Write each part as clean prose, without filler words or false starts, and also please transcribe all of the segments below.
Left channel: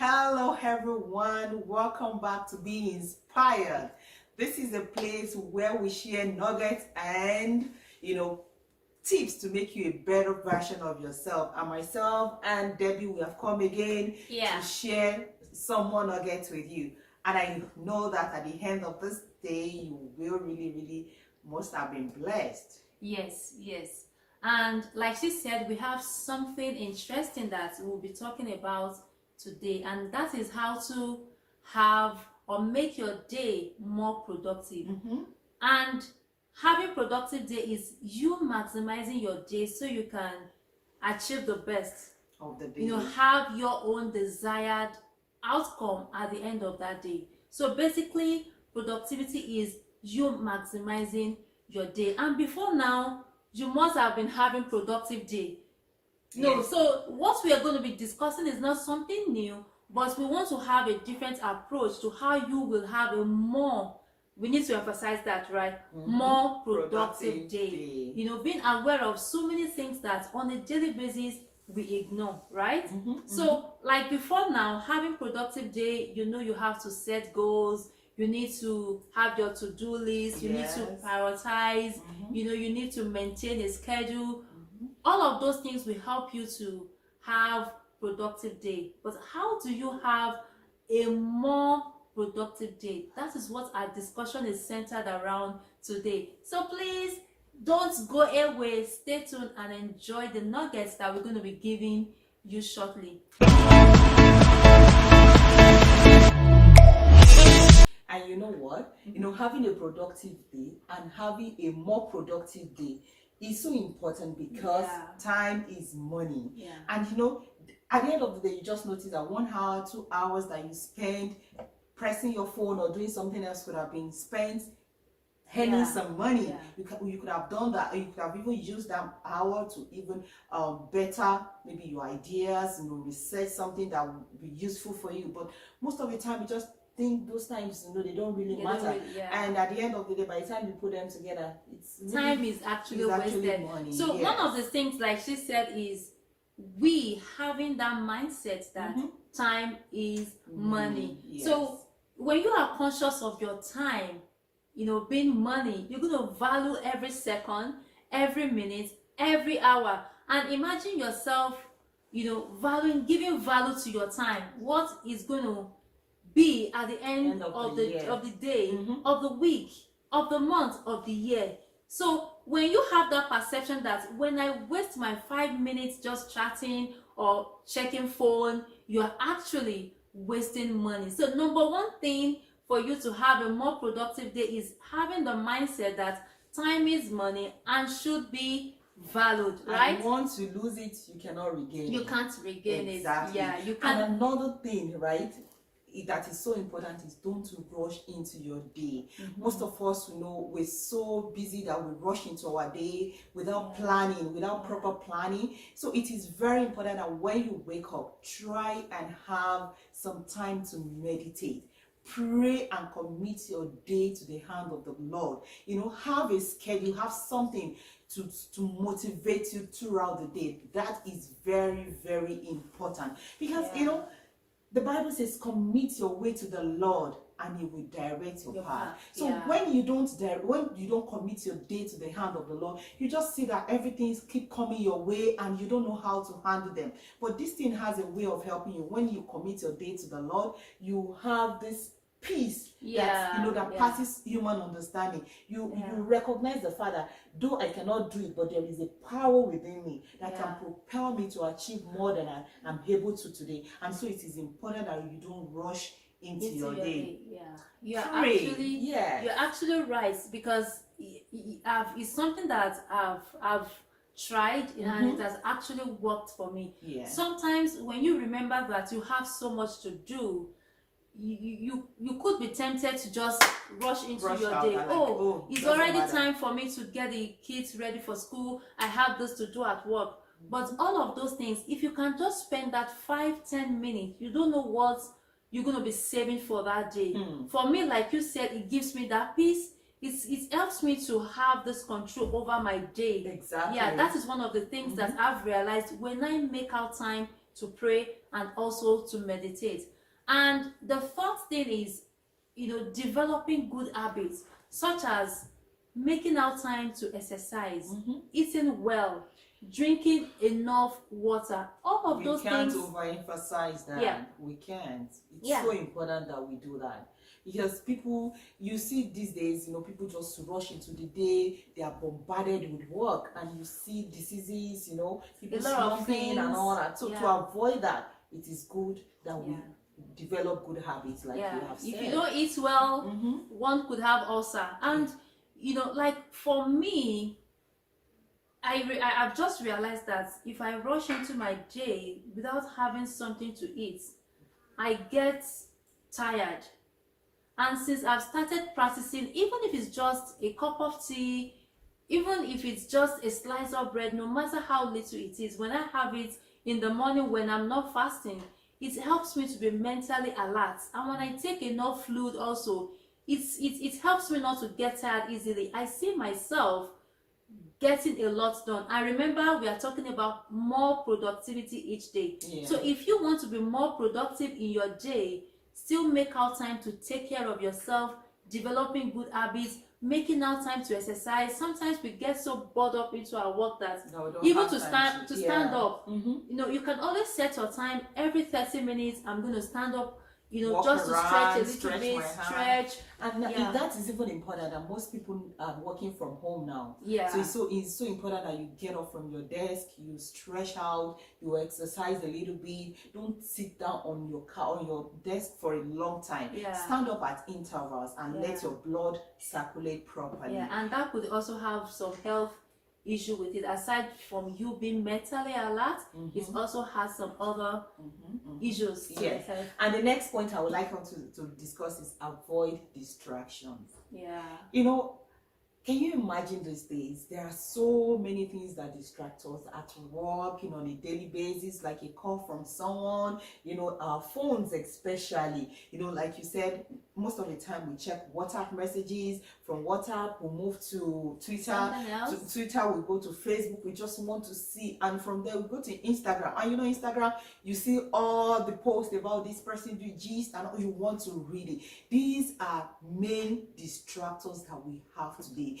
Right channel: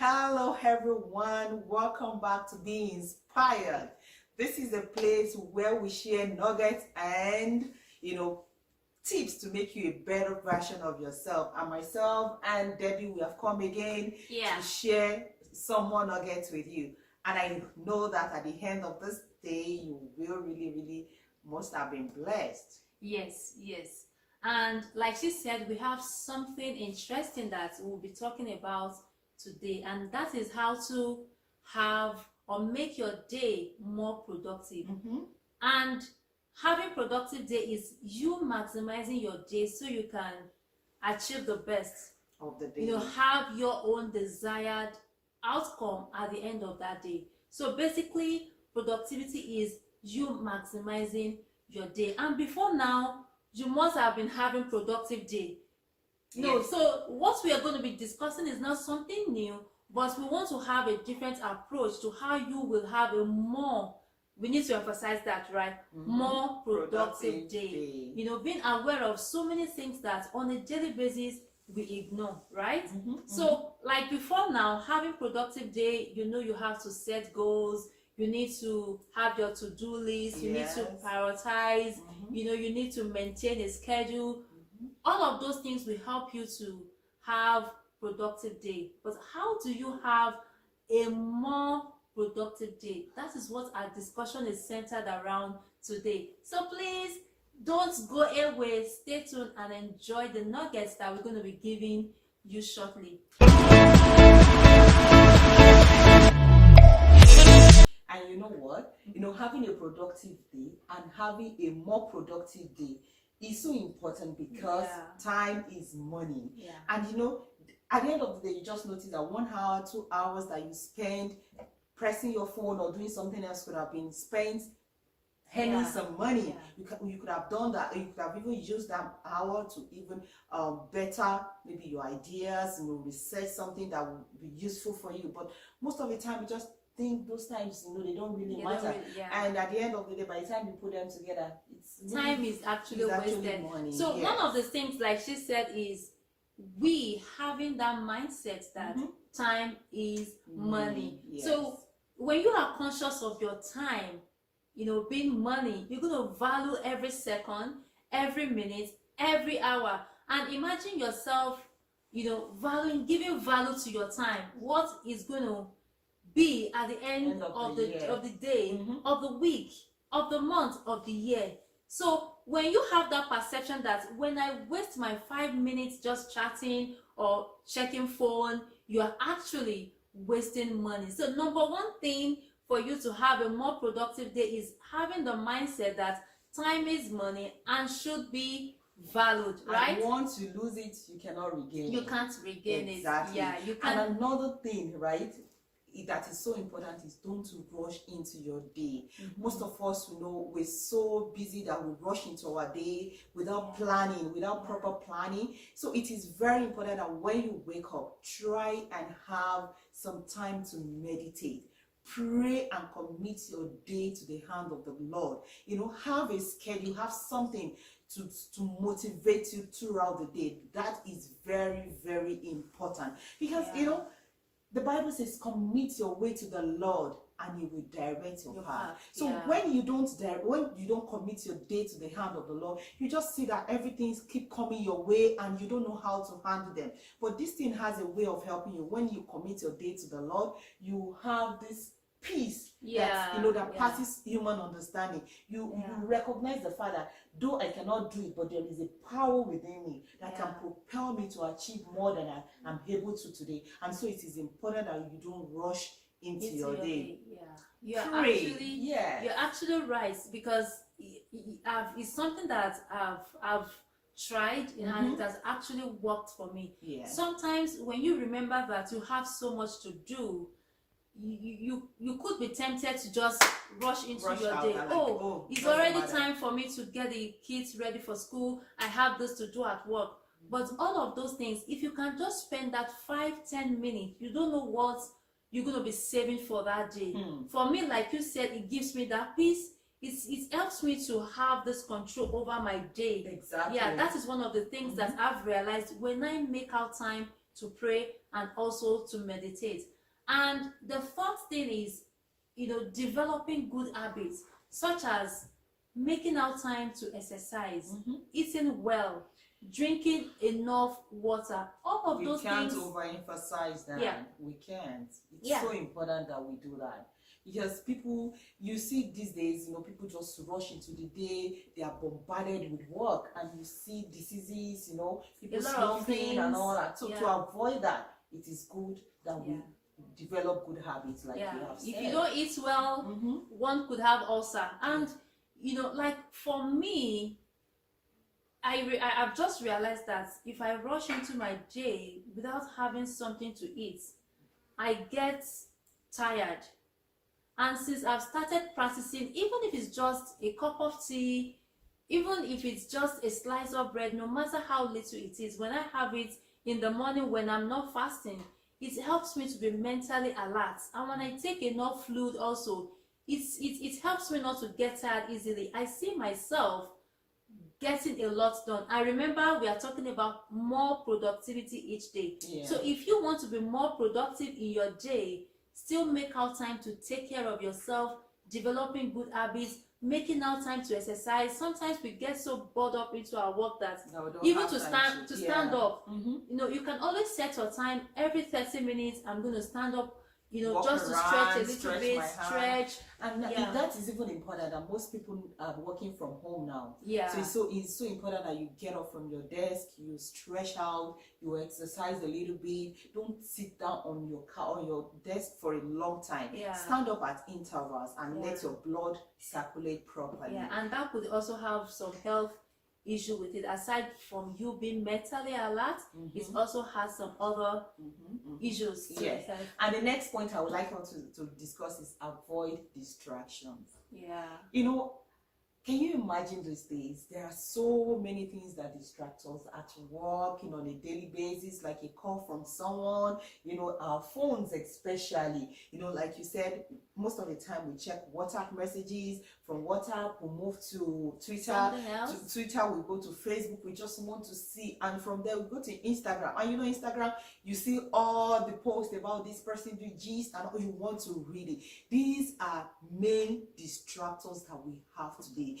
Hello, everyone. Welcome back to Be Inspired. This is a place where we share nuggets and, tips to make you a better version of yourself. And myself and Debbie, we have come again to share some more nuggets with you. And I know that at the end of this day, you will really must have been blessed. Yes. And like she said, we have something interesting that we'll be talking about today, and that is how to have or make your day more productive. And having productive day is you maximizing your day so you can achieve the best of the day. Have your own desired outcome at the end of that day. So basically, productivity is you maximizing your day. And before now, you must have been having productive day. So what we are going to be discussing is not something new, but we want to have a different approach to how you will have a more, we need to emphasize that, right? More productive day. Being aware of so many things that on a daily basis we ignore, right? So like before now, having productive day, you have to set goals, you need to have your to-do list, you need to prioritize, you need to maintain a schedule. All of those things will help you to have productive day. But how do you have a more productive day? That is what our discussion is centered around today. So please don't go away. Stay tuned and enjoy the nuggets that we're going to be giving you shortly. And you know what? Having a productive day and having a more productive day is so important because time is money. And at the end of the day, you just notice that 1 hour, 2 hours that you spend pressing your phone or doing something else could have been spent earning some money. You could have done that. You could have even used that hour to even better maybe your ideas, research something that would be useful for you. But most of the time, you just think those times, they don't really matter. And at the end of the day, by the time you put them together, time is actually wasted. Money. So one of the things, like she said, is we having that mindset that time is money. So when you are conscious of your time, being money, you're going to value every second, every minute, every hour. And imagine yourself, giving value to your time. What is going to be at the end of the day, of the week, of the month, of the year. So when you have that perception that when I waste my 5 minutes just chatting or checking phone, you're actually wasting money. So number one thing for you to have a more productive day is having the mindset that time is money and should be valued, right? And once you lose it, you cannot regain it. You can't regain it. Yeah, you can. And another thing, right, that is so important is don't rush into your day. Most of us, we're so busy that we rush into our day without planning, without proper planning. So it is very important that when you wake up, try and have some time to meditate. Pray and commit your day to the hand of the Lord. Have a schedule, have something to motivate you throughout the day. That is very important because the Bible says commit your way to the Lord and He will direct your path. So when you don't commit your day to the hand of the Lord, you just see that everything keep coming your way and you don't know how to handle them. But this thing has a way of helping you. When you commit your day to the Lord, you have this peace that passes human understanding. You recognize the Father, though I cannot do it, but there is a power within me that can propel me to achieve more than I'm able to today. And so it is important that you don't rush into your day. You're actually right, because it's something that I've tried and it has actually worked for me. Sometimes when you remember that you have so much to do, you could be tempted to just rush into your day. It's already time for me to get the kids ready for school. I have this to do at work. But all of those things, if you can just spend that 5-10 minutes, you don't know what you're going to be saving for that day. For me, like you said, it gives me that peace. It helps me to have this control over my day. Exactly. Yeah, that is one of the things that I've realized. When I make out time to pray and also to meditate. And the fourth thing is, developing good habits, such as making out time to exercise, eating well, drinking enough water. All of those things. We can't overemphasize that. Yeah. We can't. It's so important that we do that. Because people, you see these days, people just rush into the day, they are bombarded with work, and you see diseases, people sleeping and all that. So to avoid that, it is good that we develop good habits, like you have said. If you don't eat well, one could have ulcer. And, like for me, I've just realized that if I rush into my day without having something to eat, I get tired. And since I've started practicing, even if it's just a cup of tea, even if it's just a slice of bread, no matter how little it is, when I have it in the morning when I'm not fasting, it helps me to be mentally alert. And when I take enough fluid also, it helps me not to get tired easily. I see myself getting a lot done. I remember we are talking about more productivity each day. So if you want to be more productive in your day, still make out time to take care of yourself, developing good habits, making out time to exercise. Sometimes we get so bored up into our work that even to stand up, you can always set your time. Every 30 minutes I'm going to stand up, walk just around, to stretch a little bit, stretch. And that is even important, that most people are working from home now. So it's so important that you get up from your desk, you stretch out, you exercise a little bit. Don't sit down on your desk for a long time. Stand up at intervals and let your blood circulate properly. And that could also have some health issue with it. Aside from you being mentally alert, it also has some other issues. And the next point I would like us to discuss is avoid distractions. Can you imagine these days? There are so many things that distract us at work, on a daily basis, like a call from someone, our phones especially. Like you said, most of the time we check WhatsApp messages. From WhatsApp, we move to Twitter. Twitter, we go to Facebook. We just want to see. And from there, we go to Instagram. And Instagram, you see all the posts about this person doing gist, and you want to read it. These are main distractors that we have today.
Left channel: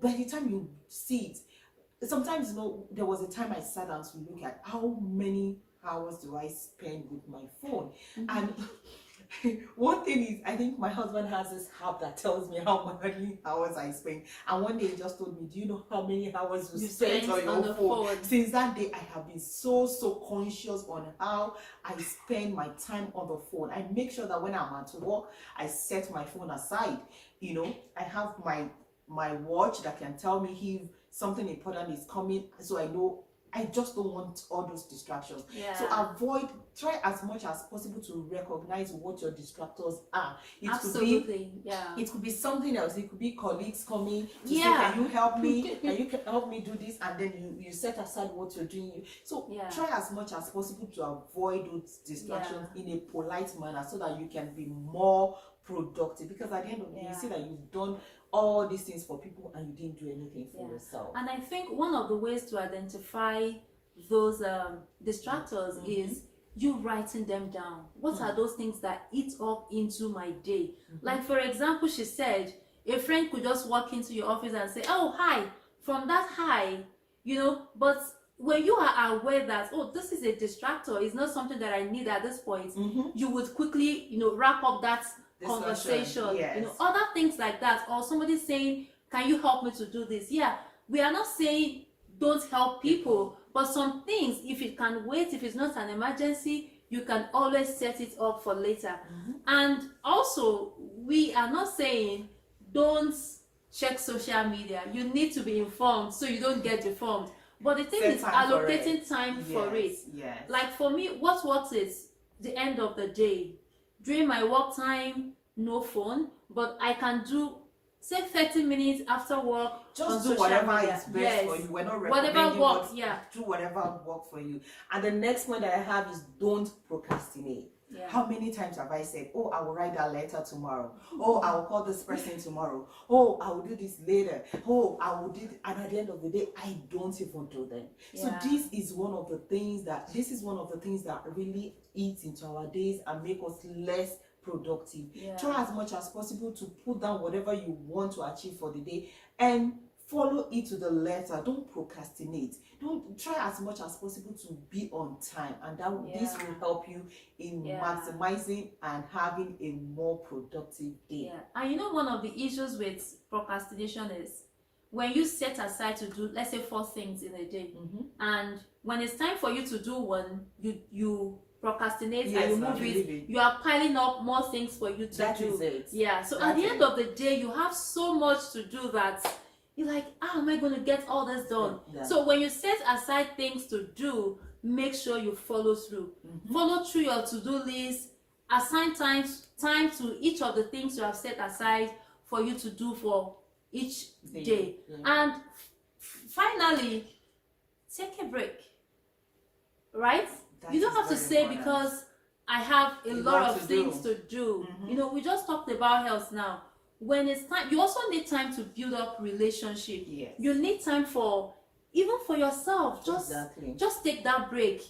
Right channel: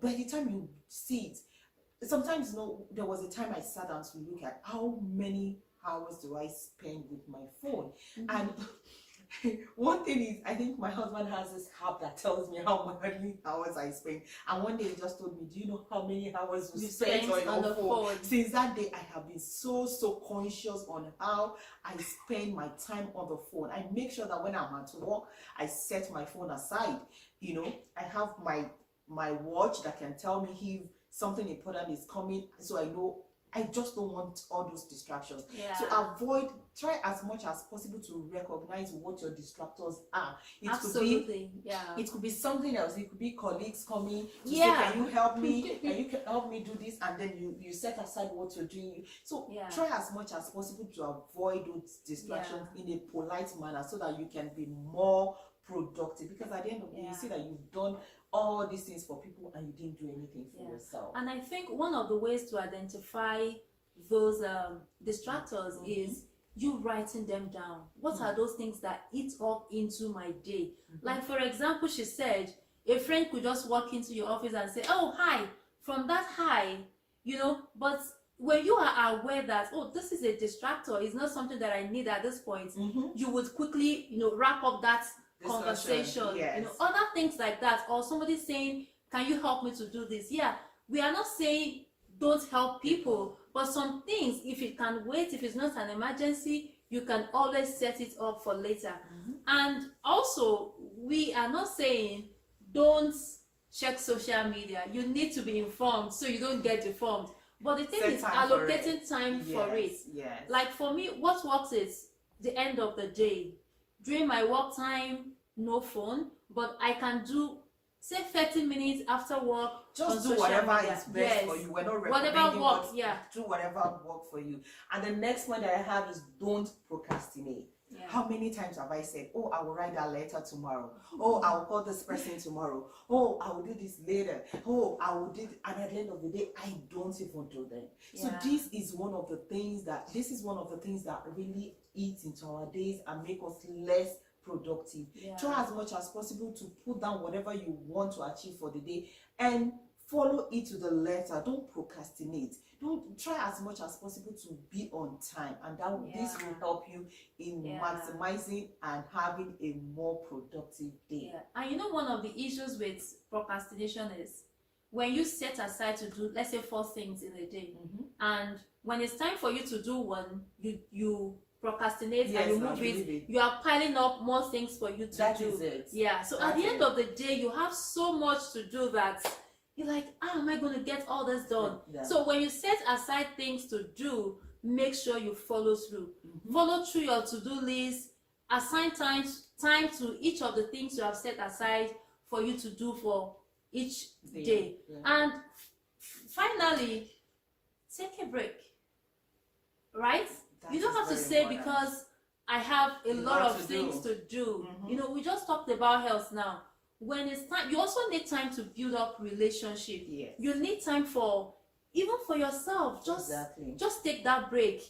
By the time you see it, sometimes, there was a time I sat down to look at how many hours do I spend with my phone. And one thing is, I think my husband has this app that tells me how many hours I spend. And one day he just told me, do you know how many hours you spent on your phone? Since that day, I have been so conscious on how I spend my time on the phone. I make sure that when I'm at work, I set my phone aside. I have my watch that can tell me if something important is coming, so I know. I just don't want all those distractions. So try as much as possible to recognize what your distractors are. It could be something else. It could be colleagues coming to say, can you help me? Can you help me do this? And then you set aside what you're doing. So try as much as possible to avoid those distractions in a polite manner, so that you can be more productive. Because at the end of the day, you see that you've done all these things for people and you didn't do anything for yourself. And I think one of the ways to identify those distractors is you writing them down. What are those things that eat up into my day? Like, for example, she said a friend could just walk into your office and say, oh, hi. From that hi, but when you are aware that, oh, this is a distractor, it's not something that I need at this point, you would quickly, wrap up that conversation, other things like that. Or somebody saying, can you help me to do this? We are not saying don't help people, but some things, if it can wait, if it's not an emergency, you can always set it up for later. And also, we are not saying don't check social media. You need to be informed so you don't get deformed. But the thing is allocating time for it. Like for me, what works is the end of the day. During my work time, no phone, but I can do, say, 30 minutes after work. Just do whatever is best for you. We're not recommending do whatever works for you. And the next point that I have is don't procrastinate. Yeah. How many times have I said, oh, I will write that letter tomorrow. Oh, I will call this person tomorrow. Oh, I will do this later. Oh, I will do it. And at the end of the day, I don't even do them. So Yeah. this is one of the things that really eats into our days and make us less productive. Yeah. Try as much as possible to put down whatever you want to achieve for the day and follow it to the letter. Don't procrastinate. Don't try as much as possible to be on time, and this will help you in maximizing and having a more productive day. Yeah. And you know, one of the issues with procrastination is when you set aside to do, let's say, 4 things in a day, and when it's time for you to do one, you procrastinate and you move it. You are piling up more things for you to That do. is it. Yeah. So at the end of the day, you have so much to do that you're like, how am I going to get all this done? Yeah. So when you set aside things to do, make sure you follow through. Follow through your to-do list. Assign time to each of the things you have set aside for you to do for each day. Yeah. And finally, take a break. Right? You don't have to say important. Because I have a lot of things to do. You know, we just talked about health now. When it's time, you also need time to build up relationship. Yes. You need time for, even for yourself, just take that break.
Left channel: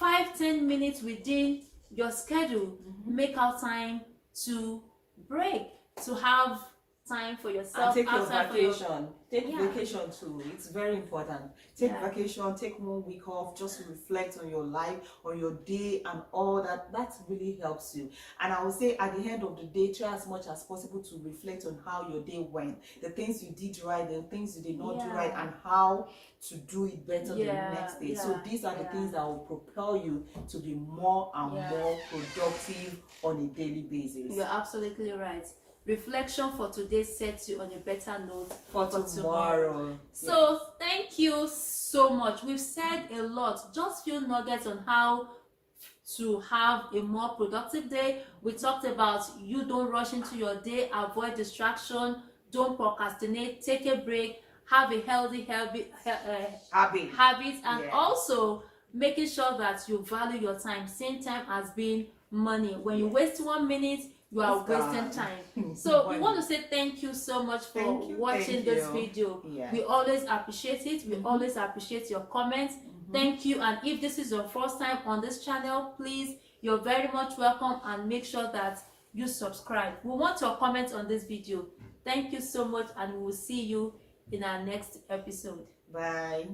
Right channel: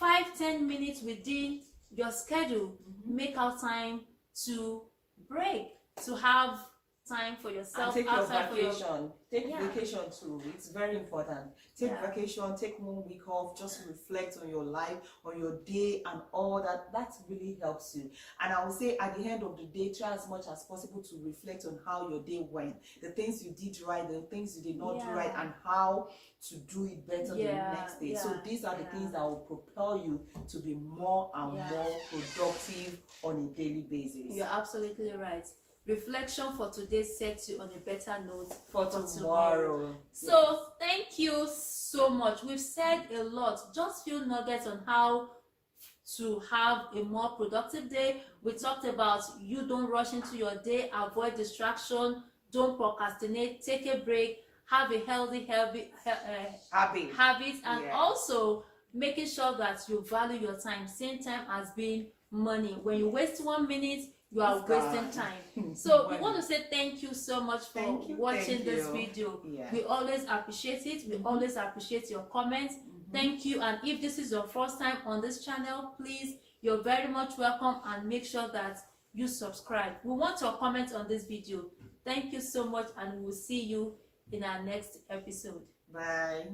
5-10 minutes within your schedule. Make out time to break, to have time for yourself. And take your vacation. Take vacation too. It's very important. Take vacation, take 1 week off, just reflect on your life, on your day and all that. That really helps you. And I would say at the end of the day, try as much as possible to reflect on how your day went. The things you did right, the things you did not do right, and how to do it better the next day. So these are the things that will propel you to be more and more productive on a daily basis. You're absolutely right. Reflection for today sets you on a better note for tomorrow. So thank you so much. We've said a lot, just few nuggets on how to have a more productive day. We talked about you don't rush into your day, avoid distraction, don't procrastinate, take a break, have a healthy habit, and also making sure that you value your time. Same time as being money. When you waste 1 minute, you are wasting time. So we want to say thank you so much for watching this video. We always appreciate it. We always appreciate your comments. Thank you. And if this is your first time on this channel, please, you're very much welcome, and make sure that you subscribe. We want your comments on this video. Thank you so much, and we will see you in our next episode. Bye.